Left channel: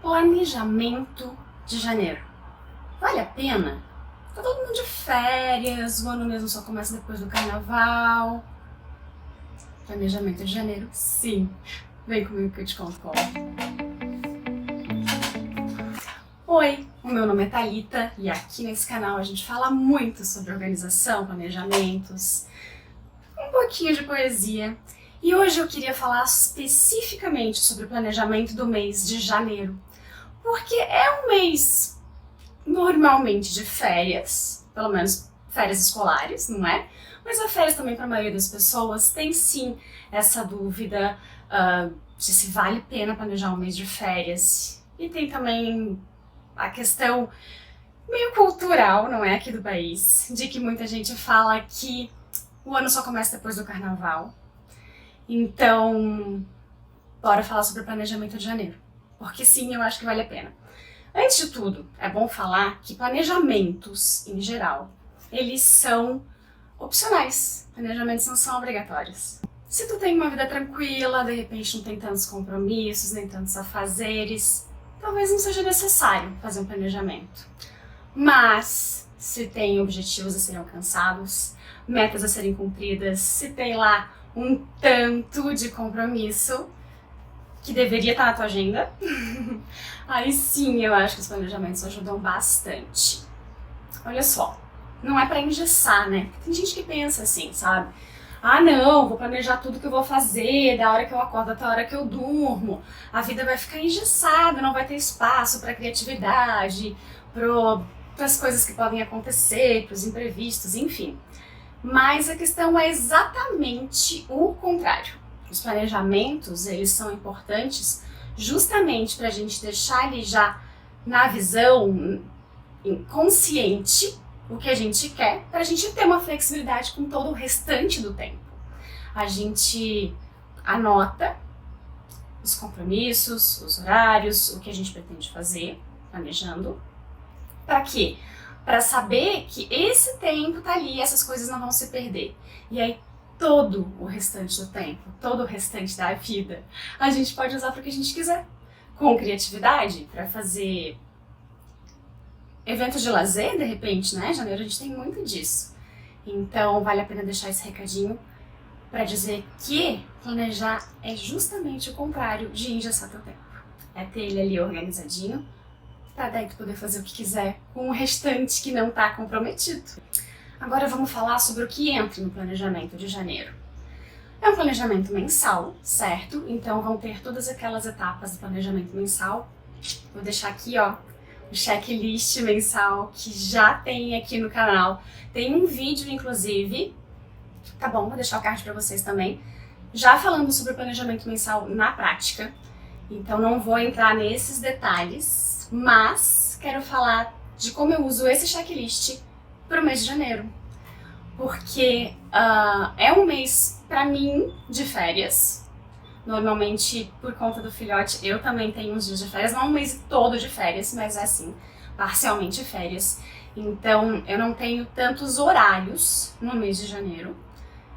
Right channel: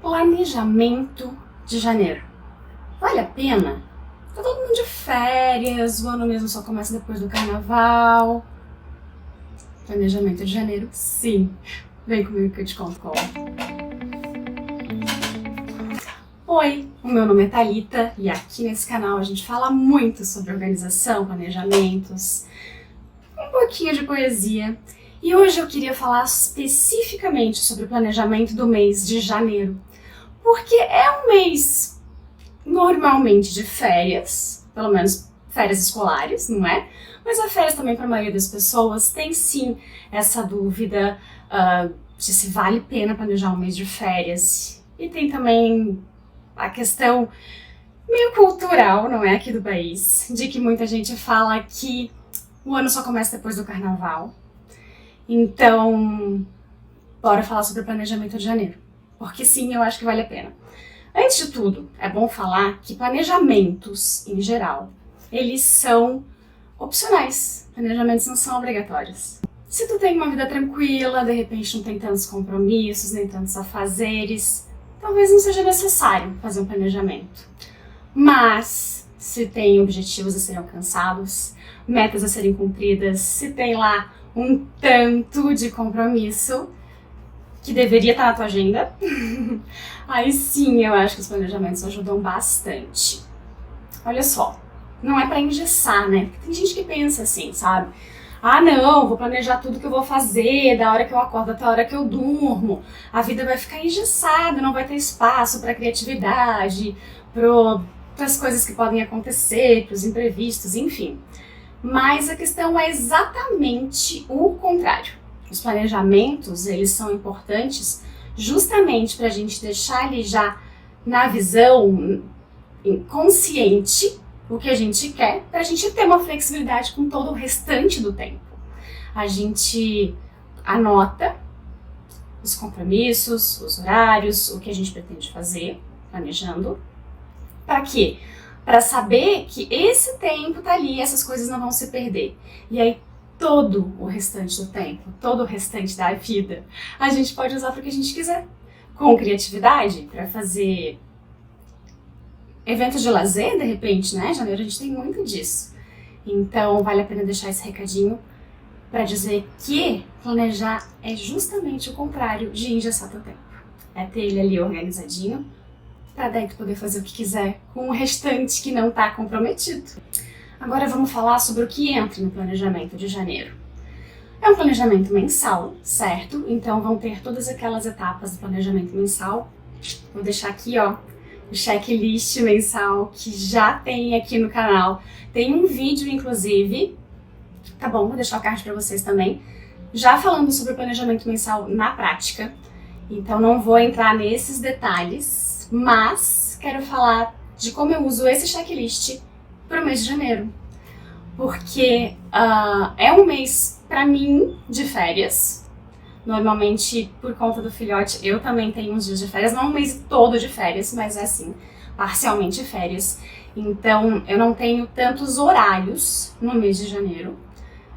Planejamento de janeiro. Vale a pena? Tá todo mundo de férias, o ano mesmo só começa depois do carnaval. Planejamento de janeiro, sim. Vem comigo que eu te conto como. Oi, o meu nome é Thalita e aqui nesse canal a gente fala muito sobre organização, planejamentos, um pouquinho de poesia. E hoje eu queria falar especificamente sobre o planejamento do mês de janeiro, porque é um mês normalmente de férias, pelo menos férias escolares, não é? Mas a férias também para a maioria das pessoas tem sim essa dúvida de se vale a pena planejar um mês de férias. E tem também a questão meio cultural, não é, aqui do país, de que muita gente fala que o ano só começa depois do carnaval. Então, bora falar sobre o planejamento de janeiro, porque sim, eu acho que vale a pena. Antes de tudo, é bom falar que planejamentos, em geral, eles são opcionais. Planejamentos não são obrigatórios. Se tu tem uma vida tranquila, de repente não tem tantos compromissos, nem tantos afazeres, talvez não seja necessário fazer um planejamento. Mas, se tem objetivos a serem alcançados, metas a serem cumpridas, se tem lá um tanto de compromisso que deveria estar na tua agenda, aí sim eu acho que os planejamentos ajudam bastante. Olha só, não é pra engessar, né? Porque tem gente que pensa assim, sabe? Ah, não, vou planejar tudo que eu vou fazer, da hora que eu acordo até a hora que eu durmo. A vida vai ficar engessada, não vai ter espaço para criatividade, para as coisas que podem acontecer, para os imprevistos, enfim. Mas a questão é exatamente o contrário. Os planejamentos, eles são importantes justamente para a gente deixar ali já na visão consciente o que a gente quer, para a gente ter uma flexibilidade com todo o restante do tempo. A gente anota os compromissos, os horários, o que a gente pretende fazer, planejando. Para quê? Para saber que esse tempo tá ali, essas coisas não vão se perder. E aí todo o restante do tempo, todo o restante da vida, a gente pode usar para o que a gente quiser. Com criatividade, para fazer eventos de lazer, de repente, né? Em janeiro a gente tem muito disso. Então vale a pena deixar esse recadinho para dizer que planejar é justamente o contrário de engessar teu tempo. É ter ele ali organizadinho, para daí tu poder fazer o que quiser com o restante que não está comprometido. Agora vamos falar sobre o que entra no planejamento de janeiro. É um planejamento mensal, certo? Então vão ter todas aquelas etapas do planejamento mensal. Vou deixar aqui, ó, o checklist mensal que já tem aqui no canal. Tem um vídeo, inclusive, tá bom? Vou deixar o card para vocês também, já falando sobre o planejamento mensal na prática. Então não vou entrar nesses detalhes, mas quero falar de como eu uso esse checklist para o mês de janeiro, porque é um mês, para mim, de férias. Normalmente, por conta do filhote, eu também tenho uns dias de férias, não um mês todo de férias, mas é assim, parcialmente férias. Então, eu não tenho tantos horários no mês de janeiro.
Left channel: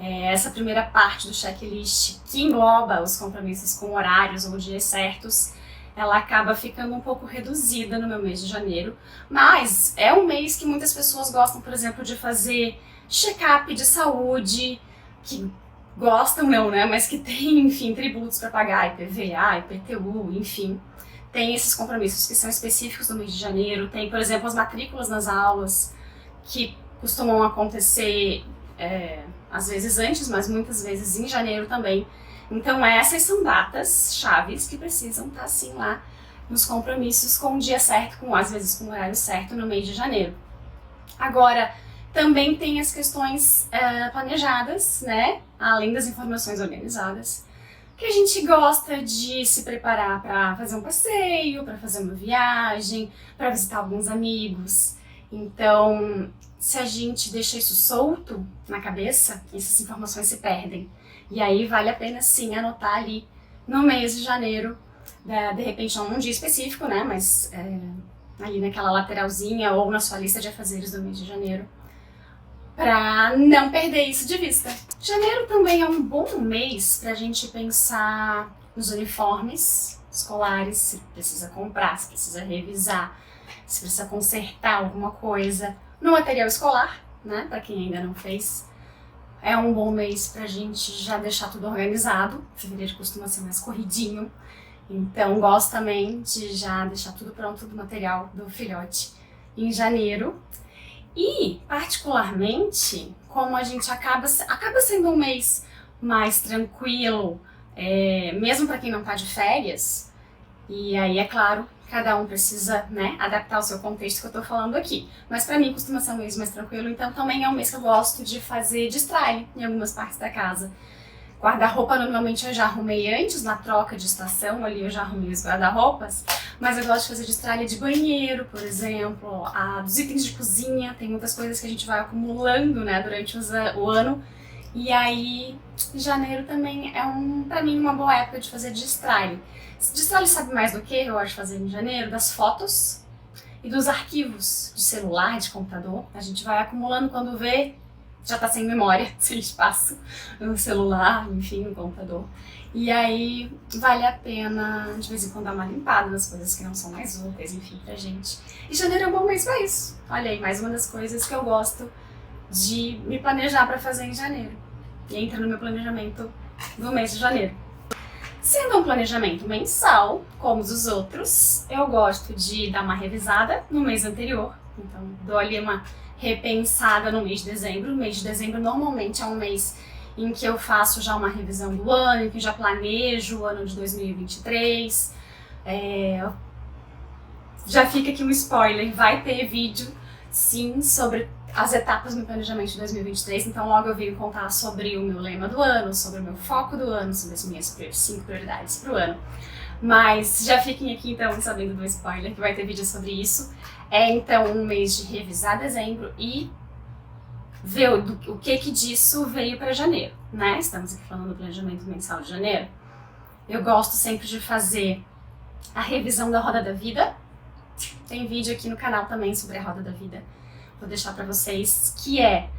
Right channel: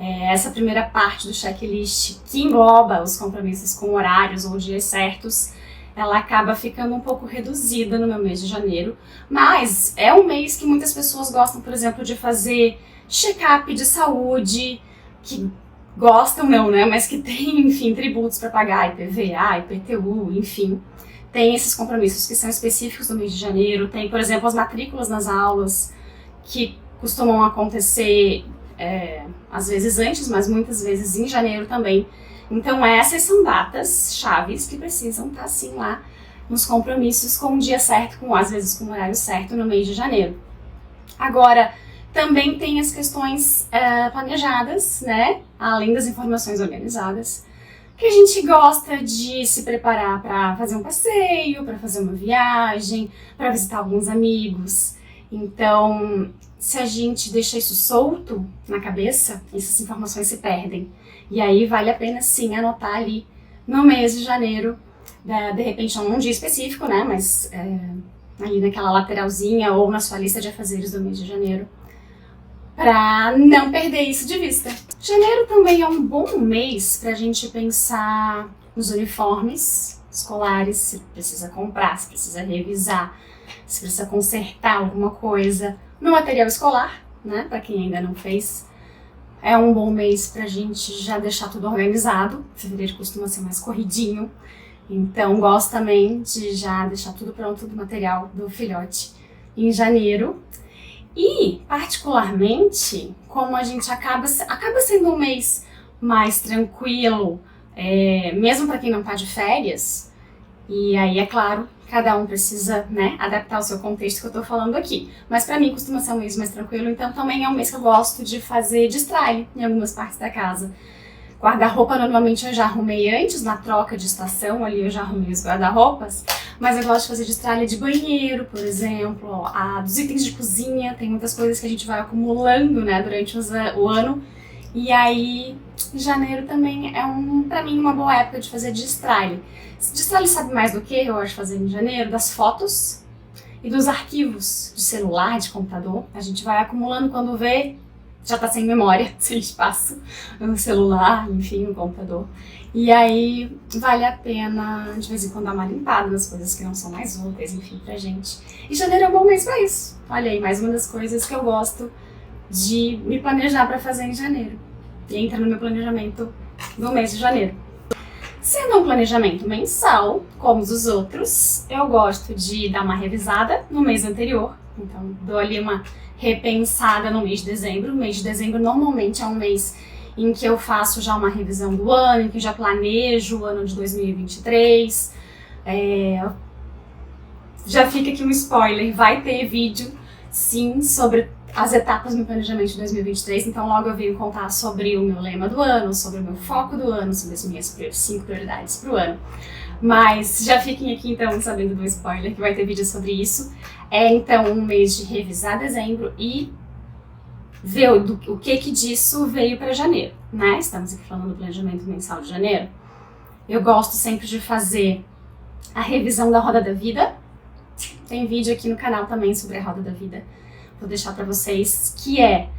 Essa primeira parte do checklist, que engloba os compromissos com horários ou dias certos, ela acaba ficando um pouco reduzida no meu mês de janeiro, mas é um mês que muitas pessoas gostam, por exemplo, de fazer check-up de saúde, que gostam não, né, mas que tem, enfim, tributos para pagar, IPVA, IPTU, enfim, tem esses compromissos que são específicos do mês de janeiro, tem, por exemplo, as matrículas nas aulas, que costumam acontecer às vezes antes, mas muitas vezes em janeiro também. Então essas são datas chaves que precisam estar assim lá nos compromissos com o dia certo, às vezes com o horário certo no mês de janeiro. Agora, também tem as questões planejadas, né? Além das informações organizadas, que a gente gosta de se preparar para fazer um passeio, para fazer uma viagem, para visitar alguns amigos. Então, se a gente deixa isso solto na cabeça, essas informações se perdem. E aí vale a pena sim anotar ali no mês de janeiro, de repente não num dia específico, né, mas ali naquela lateralzinha ou na sua lista de afazeres do mês de janeiro, para não perder isso de vista. Janeiro também é um bom mês para a gente pensar nos uniformes, escolares, se precisa comprar, se precisa revisar, se precisa consertar alguma coisa no material escolar, né? Para quem ainda não fez, é um bom mês pra gente já deixar tudo organizado. Fevereiro costuma ser mais corridinho, então gosto também de já deixar tudo pronto do material do filhote em janeiro. E, particularmente, como a gente acaba sendo um mês mais tranquilo, mesmo para quem não tá de férias, e aí, é claro, cada um precisa, né, adaptar o seu contexto que eu tô falando aqui. Mas pra mim costuma ser um mês mais tranquilo, então também é um mês que eu gosto de fazer destraile em algumas partes da casa. Guarda-roupa, normalmente eu já arrumei antes, na troca de estação, ali eu já arrumei os guarda-roupas, mas eu gosto de fazer destralhe de banheiro, por exemplo, dos itens de cozinha, tem muitas coisas que a gente vai acumulando, né, durante o ano, e aí janeiro também é, pra mim, uma boa época de fazer destralhe. Destralhe sabe mais do que eu gosto de fazer em janeiro? Das fotos e dos arquivos de celular, de computador. A gente vai acumulando, quando vê, já tá sem memória, sem espaço no celular, enfim, no computador. E aí vale a pena de vez em quando dar uma limpada nas coisas que não são mais úteis, enfim, pra gente. E janeiro é um bom mês pra isso. Olha aí, mais uma das coisas que eu gosto de me planejar pra fazer em janeiro. E entra no meu planejamento do mês de janeiro. Sendo um planejamento mensal, como os outros, eu gosto de dar uma revisada no mês anterior. Então, dou ali uma repensada no mês de dezembro. O mês de dezembro normalmente é um mês em que eu faço já uma revisão do ano, em que já planejo o ano de 2023. Já fica aqui um spoiler, vai ter vídeo, sim, sobre as etapas do planejamento de 2023, então logo eu venho contar sobre o meu lema do ano, sobre o meu foco do ano, sobre as minhas 5 prioridades para o ano. Mas já fiquem aqui então sabendo do spoiler, que vai ter vídeo sobre isso. É então um mês de revisar dezembro e ver o que disso veio para janeiro, né? Estamos aqui falando do planejamento mensal de janeiro. Eu gosto sempre de fazer a revisão da Roda da Vida. Tem vídeo aqui no canal também sobre a Roda da Vida. Vou deixar para vocês, que é,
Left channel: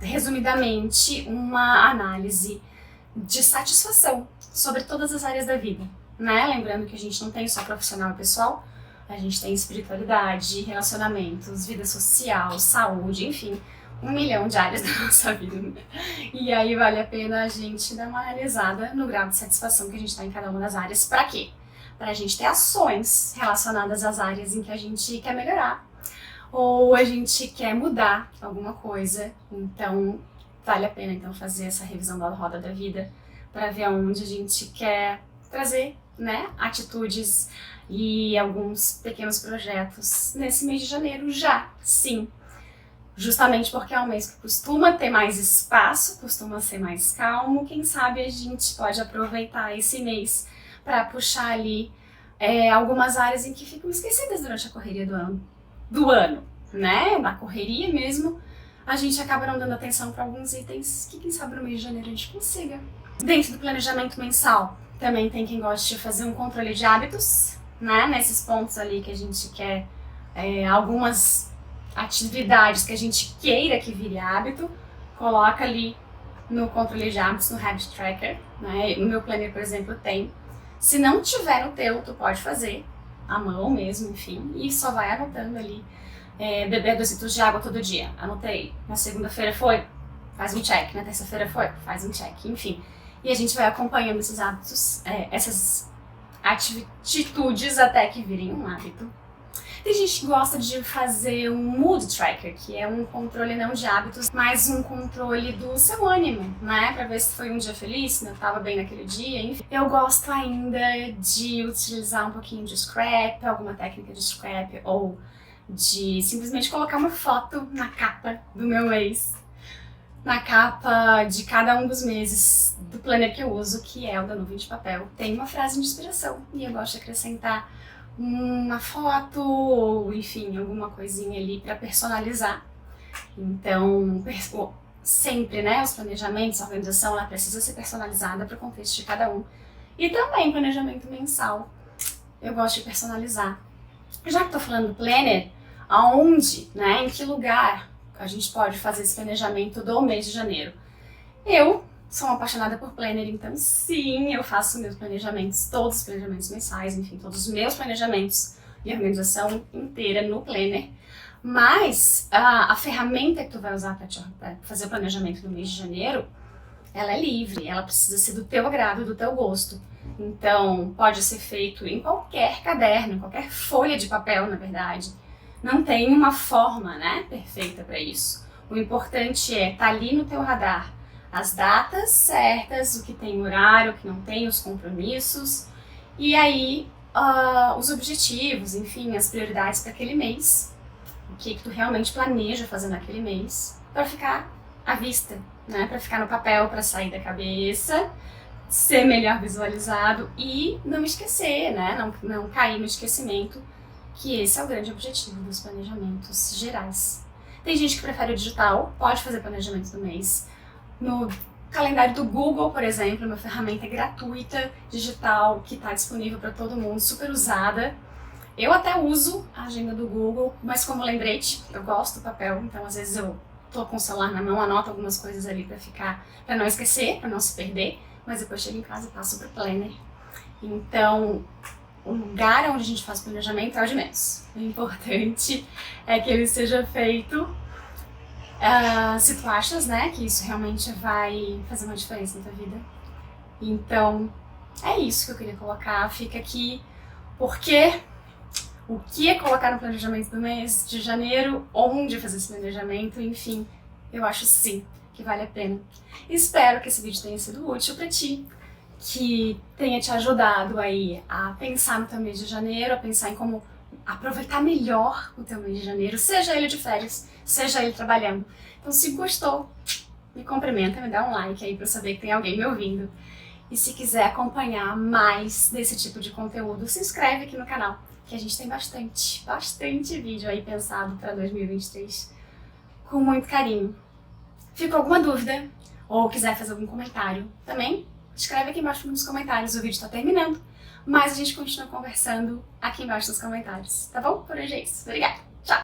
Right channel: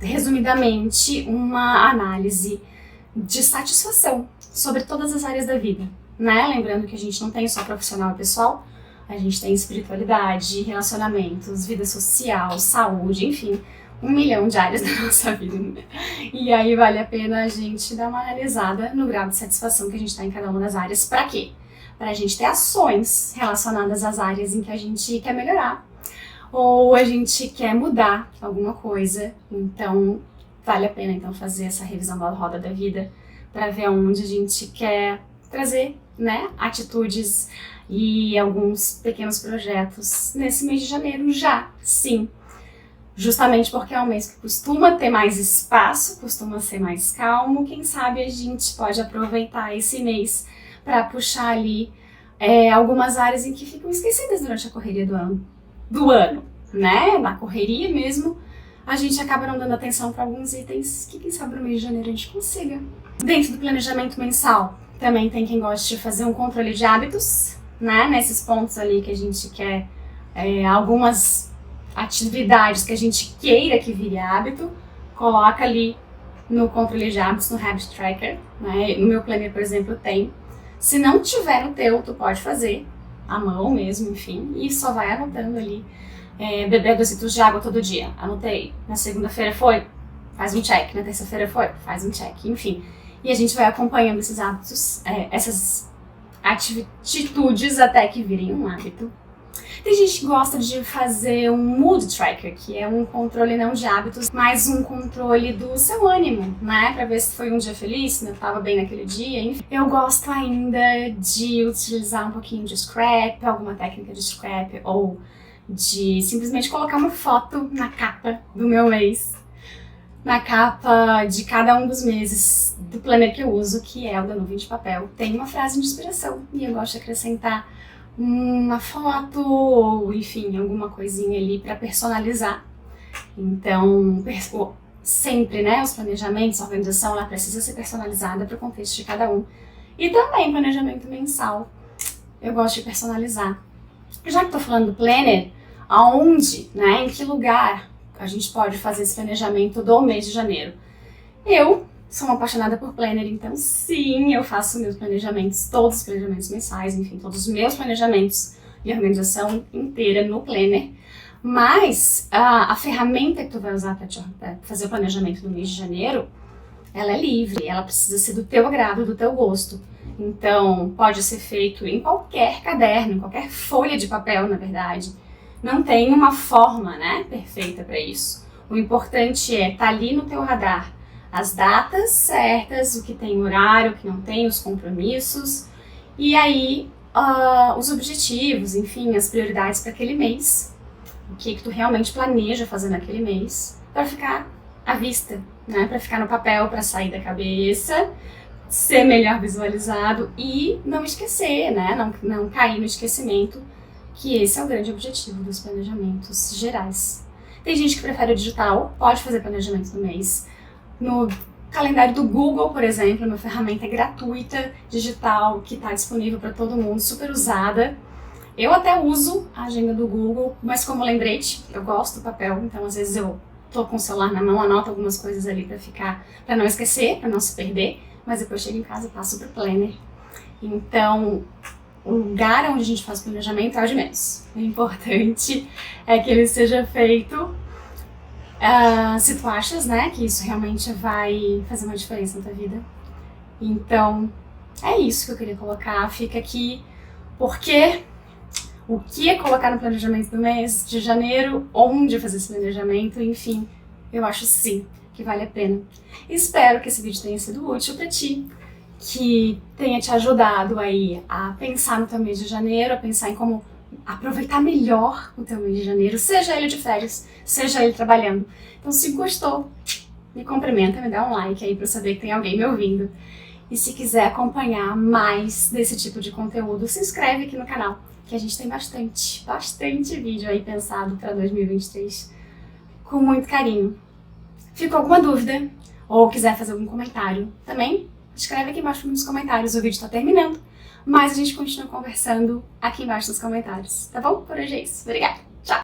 resumidamente, uma análise de satisfação sobre todas as áreas da vida, né? Lembrando que a gente não tem só profissional e pessoal, a gente tem espiritualidade, relacionamentos, vida social, saúde, enfim, 1 milhão de áreas da nossa vida, né? E aí vale a pena a gente dar uma analisada no grau de satisfação que a gente está em cada uma das áreas. Para quê? Para a gente ter ações relacionadas às áreas em que a gente quer melhorar, ou a gente quer mudar alguma coisa. Então vale a pena então fazer essa revisão da Roda da Vida para ver onde a gente quer trazer, né, atitudes e alguns pequenos projetos nesse mês de janeiro já, sim. Justamente porque é um mês que costuma ter mais espaço, costuma ser mais calmo, quem sabe a gente pode aproveitar esse mês para puxar ali algumas áreas em que ficam esquecidas durante a correria do ano, né? Na correria mesmo, a gente acaba não dando atenção para alguns itens que, quem sabe, no mês de janeiro a gente consiga. Dentro do planejamento mensal, também tem quem gosta de fazer um controle de hábitos, né? Nesses pontos ali que a gente quer, algumas atividades que a gente queira que vire hábito, coloca ali no controle de hábitos, no Habit Tracker, né? No meu planner, por exemplo, tem. Se não tiver no teu, tu pode fazer à mão mesmo, enfim, e só vai anotando ali. Beber 2 litros de água todo dia, anotei. Na segunda-feira foi, faz um check. Na terça-feira foi, faz um check, enfim. E a gente vai acompanhando esses hábitos, essas atitudes até que virem um hábito. Tem gente que gosta de fazer um mood tracker, que é um controle não de hábitos, mas um controle do seu ânimo, né? Pra ver se foi um dia feliz, se não tava bem naquele dia, enfim. Eu gosto ainda de utilizar um pouquinho de scrap, alguma técnica de scrap, ou de simplesmente colocar uma foto na capa do meu mês, na capa de cada um dos meses do planner que eu uso, que é o da nuvem de papel. Tem uma frase de inspiração e eu gosto de acrescentar uma foto ou, enfim, alguma coisinha ali para personalizar. Então, sempre, né, os planejamentos, a organização, ela precisa ser personalizada para o contexto de cada um. E também planejamento mensal, eu gosto de personalizar. Já que estou falando do planner, aonde, né, em que lugar a gente pode fazer esse planejamento do mês de janeiro? Eu sou uma apaixonada por planner, então sim, eu faço meus planejamentos, todos os planejamentos mensais, enfim, todos os meus planejamentos e organização inteira no planner. Mas a ferramenta que tu vai usar para fazer o planejamento no mês de janeiro, ela é livre, ela precisa ser do teu agrado, do teu gosto. Então, pode ser feito em qualquer caderno, em qualquer folha de papel, na verdade. Não tem uma forma, né, perfeita para isso. O importante é estar ali no teu radar as datas certas, o que tem horário, o que não tem, os compromissos, e aí os objetivos, enfim, as prioridades para aquele mês. O que tu realmente planeja fazer naquele mês, para ficar à vista, né? Para ficar no papel, para sair da cabeça, ser melhor visualizado e não esquecer, né? Não cair no esquecimento, que esse é o grande objetivo dos planejamentos gerais. Tem gente que prefere o digital, pode fazer planejamento do mês. No calendário do Google, por exemplo, uma ferramenta gratuita, digital, que está disponível para todo mundo, super usada. Eu até uso a agenda do Google, mas como lembrete, eu gosto do papel, então às vezes eu tô com o celular na mão, anoto algumas coisas ali para não esquecer, para não se perder, mas depois chego em casa e passo para o planner. Então, o lugar onde a gente faz o planejamento é o de menos. O importante é que ele seja feito se tu achas, né, que isso realmente vai fazer uma diferença na tua vida. Então, é isso que eu queria colocar. Fica aqui, porque o que é colocar no planejamento do mês de janeiro, onde fazer esse planejamento, enfim, eu acho sim que vale a pena. Espero que esse vídeo tenha sido útil para ti, que tenha te ajudado aí a pensar no teu mês de janeiro, a pensar em como aproveitar melhor o teu mês de janeiro, seja ele de férias, seja ele trabalhando. Então, se gostou, me cumprimenta, me dá um like aí para eu saber que tem alguém me ouvindo. E se quiser acompanhar mais desse tipo de conteúdo, se inscreve aqui no canal, que a gente tem bastante vídeo aí pensado para 2023, com muito carinho. Ficou alguma dúvida ou quiser fazer algum comentário também, escreve aqui embaixo nos comentários. O vídeo está terminando, mas a gente continua conversando aqui embaixo nos comentários, tá bom? Por hoje é isso. Obrigada!